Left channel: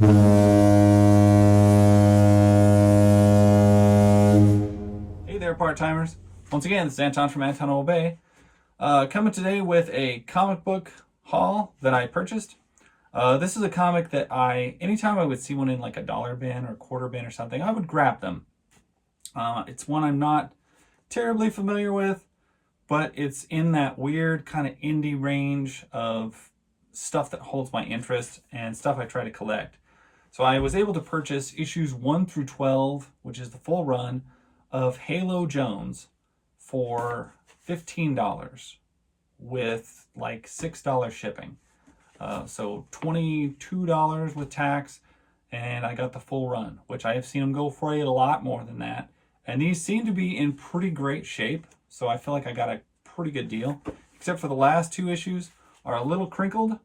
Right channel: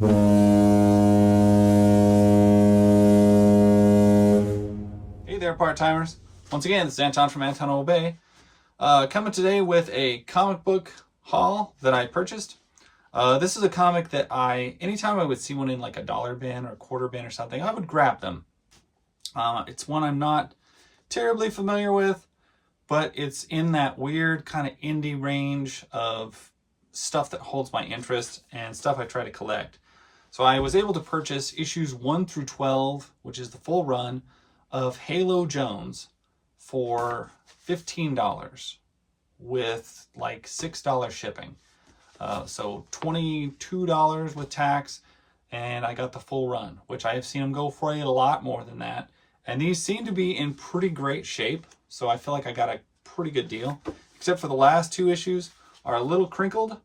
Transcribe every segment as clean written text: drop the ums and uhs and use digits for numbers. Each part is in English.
Hey there, part-timers. Once again, this is Anton from Anton Obey. Coming today with a comic book haul that I purchased. This is a comic that anytime I would see one in like a dollar bin or quarter bin or something, I would grab them. It's one I'm not terribly familiar with, but it's in that weird kind of indie range of stuff that holds my interest and stuff I try to collect. So I was able to purchase issues 1 through 12, which is the full run of Halo Jones for $15 with like $6 shipping. So $22 with tax, and I got the full run, which I have seen them go for a lot more than that. And these seem to be in pretty great shape, so I feel like I got a pretty good deal, except for the last two issues are a little crinkled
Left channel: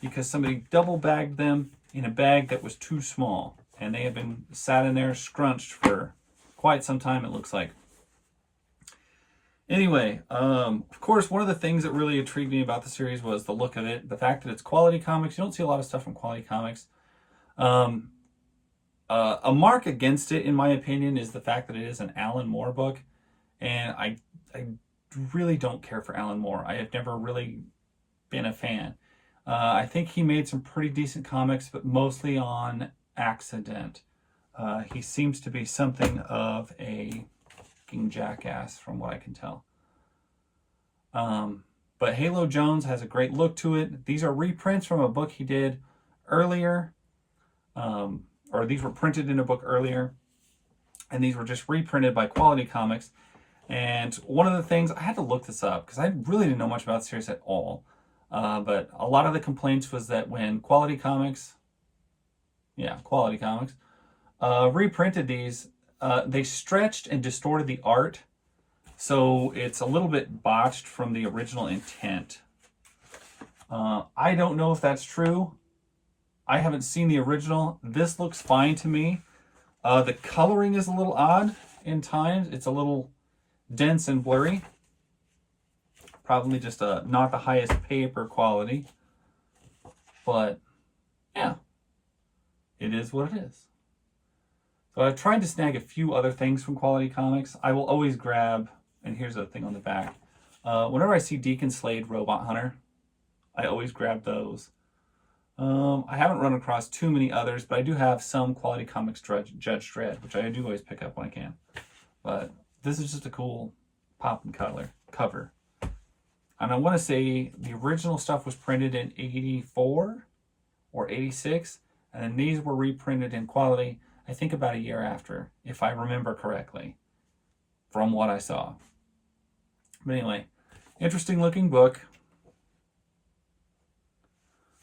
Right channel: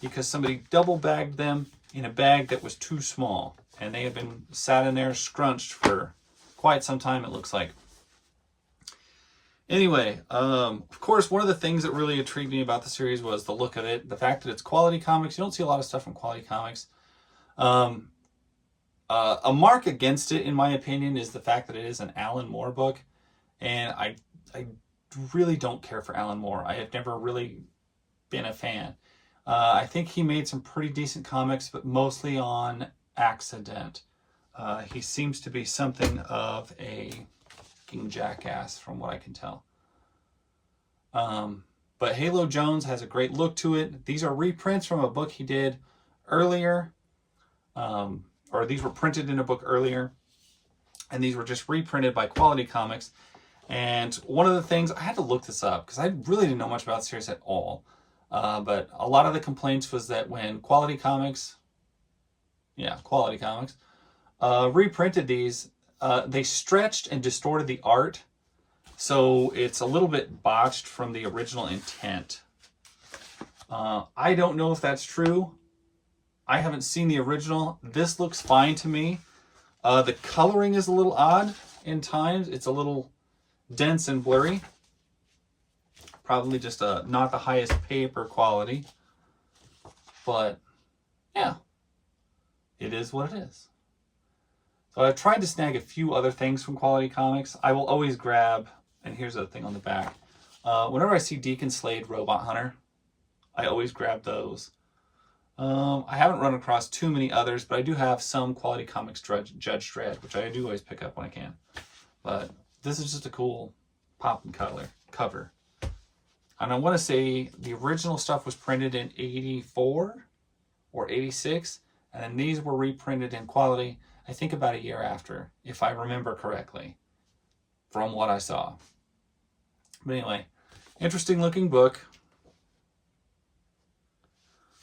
because somebody double bagged them in a bag that was too small, and they have been sat in there scrunched for quite some time, it looks like. Anyway, of course, one of the things that really intrigued me about the series was the look of it, the fact that it's Quality Comics. You don't see a lot of stuff from Quality Comics. A mark against it, in my opinion, is the fact that it is an Alan Moore book, and I really don't care for Alan Moore. I have never really been a fan. I think he made some pretty decent comics, but mostly on accident. He seems to be something of a fucking jackass from what I can tell. But Halo Jones has a great look to it. These are reprints from a book he did earlier, or these were printed in a book earlier, and these were just reprinted by Quality Comics. And one of the things, I had to look this up because I really didn't know much about the series at all. But a lot of the complaints was that when Quality Comics reprinted these, they stretched and distorted the art, so it's a little bit botched from the original intent. I don't know if that's true. I haven't seen the original. This looks fine to me. The coloring is a little odd in times. It's a little dense and blurry. Probably just not the highest paper quality. But yeah, it is what it is. So I've tried to snag a few other things from Quality Comics. I will always grab, and here's the thing on the back. Whenever I see Deacon Slade Robot Hunter, I always grab those. I haven't run across too many others, but I do have some Quality Comics Judge Dredd, which I do always pick up when I can. But this is just a cool pop and cover. And I want to say the original stuff was printed in 84 or 86, and then these were reprinted in Quality, I think about a year after, if I remember correctly, from what I saw. But anyway, interesting looking book.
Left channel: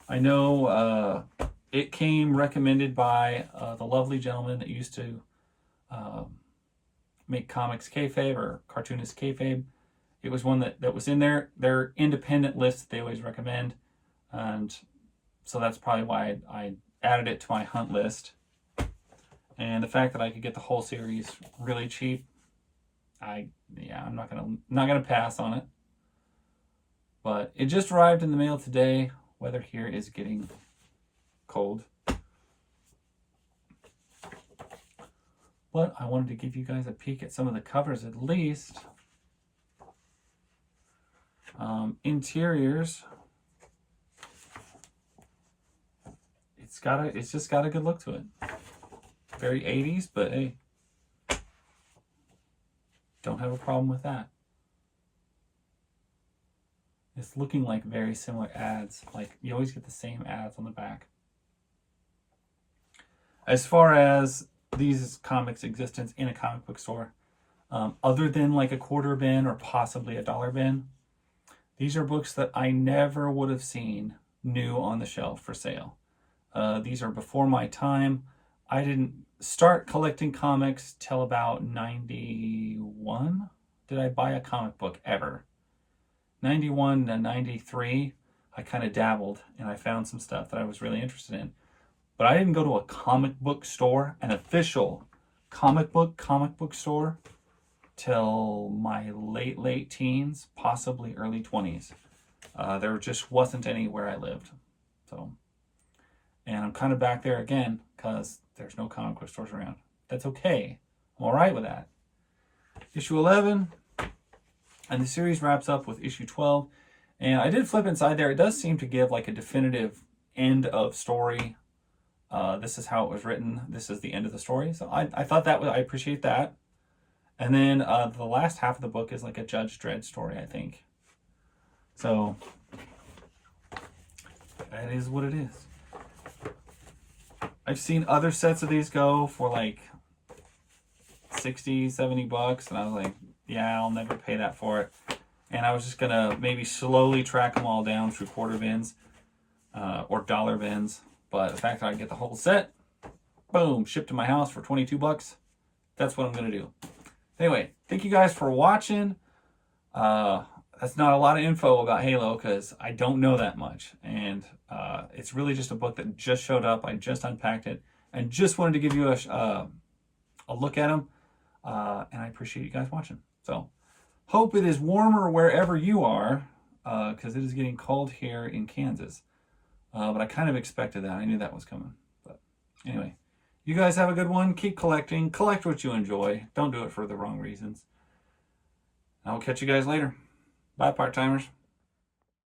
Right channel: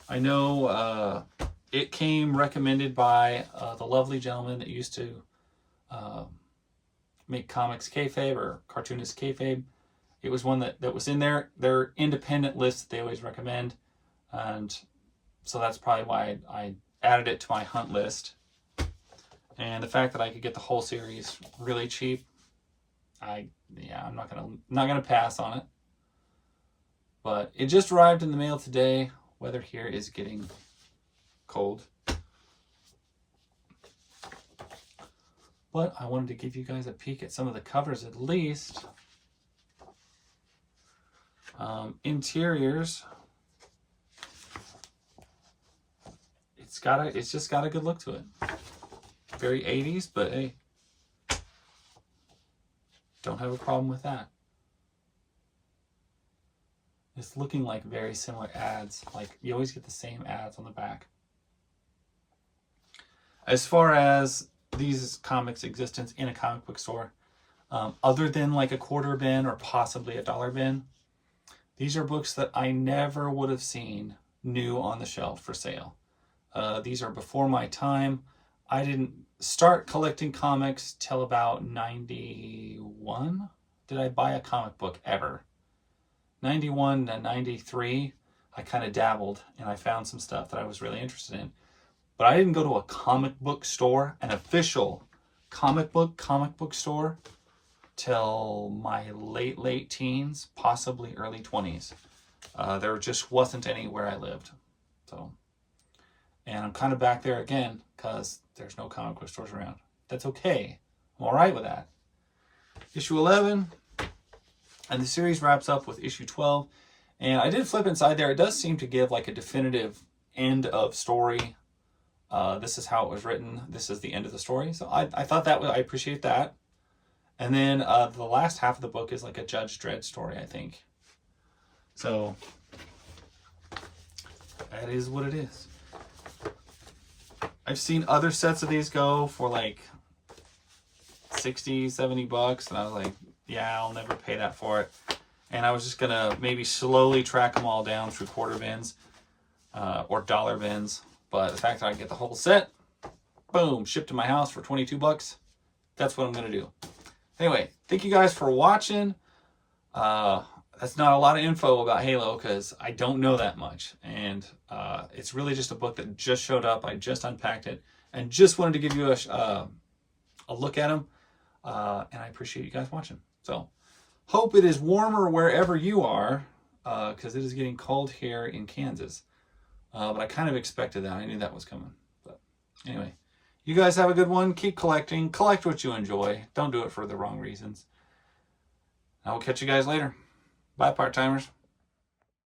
I know it came recommended by the lovely gentleman that used to make comics kayfabe or cartoonist kayfabe. It was one that was in their independent list that they always recommend, and so that's probably why I added it to my hunt list. And the fact that I could get the whole series really cheap, I'm not gonna pass on it. But it just arrived in the mail today. Weather here is getting cold, but I wanted to give you guys a peek at some of the covers at least. Interiors, it's just got a good look to it. Very 80s, but hey, don't have a problem with that. It's looking like very similar ads. Like, you always get the same ads on the back. As far as these comics' existence in a comic book store, other than like a quarter bin or possibly a dollar bin, these are books that I never would have seen new on the shelf for sale. These are before my time. I didn't start collecting comics till about 91. Did I buy a comic book ever? 91 to 93, I kind of dabbled and I found some stuff that I was really interested in. But I didn't go to a comic book store, an official comic book store, till my late teens, possibly early 20s. There just wasn't any where I lived. So, And I'm kind of back there again because there's no comic book stores around. That's okay. I'm all right with that. Issue 11. And the series wraps up with issue 12. And I did flip inside there. It does seem to give like a definitive end of story. This is how it was written. This is the end of the story. So I thought that was, I appreciate that. And then the last half of the book is like a Judge Dredd story, I think. So that is what it is. I've seen other sets of these go for like 60, 70 bucks. And I was like, yeah, I'll never pay that for it. And I was just going to maybe slowly track them all down through quarter bins or dollar bins. But the fact that I get the whole set, boom, shipped to my house for 22 bucks, that's what I'm going to do. Anyway, thank you guys for watching. That's not a lot of info about Halo because I don't know that much. And it's really just a book that just showed up. I just unpacked it and just wanted to give you a look at them. And I appreciate you guys watching. So, hope it is warmer wherever you are because it is getting cold here in Kansas. But I kind of expected that. I knew that was coming. But anyway, you guys have a good one. Keep collecting. Collect what you enjoy. Don't do it for the wrong reasons. I will catch you guys later. Bye, part-timers.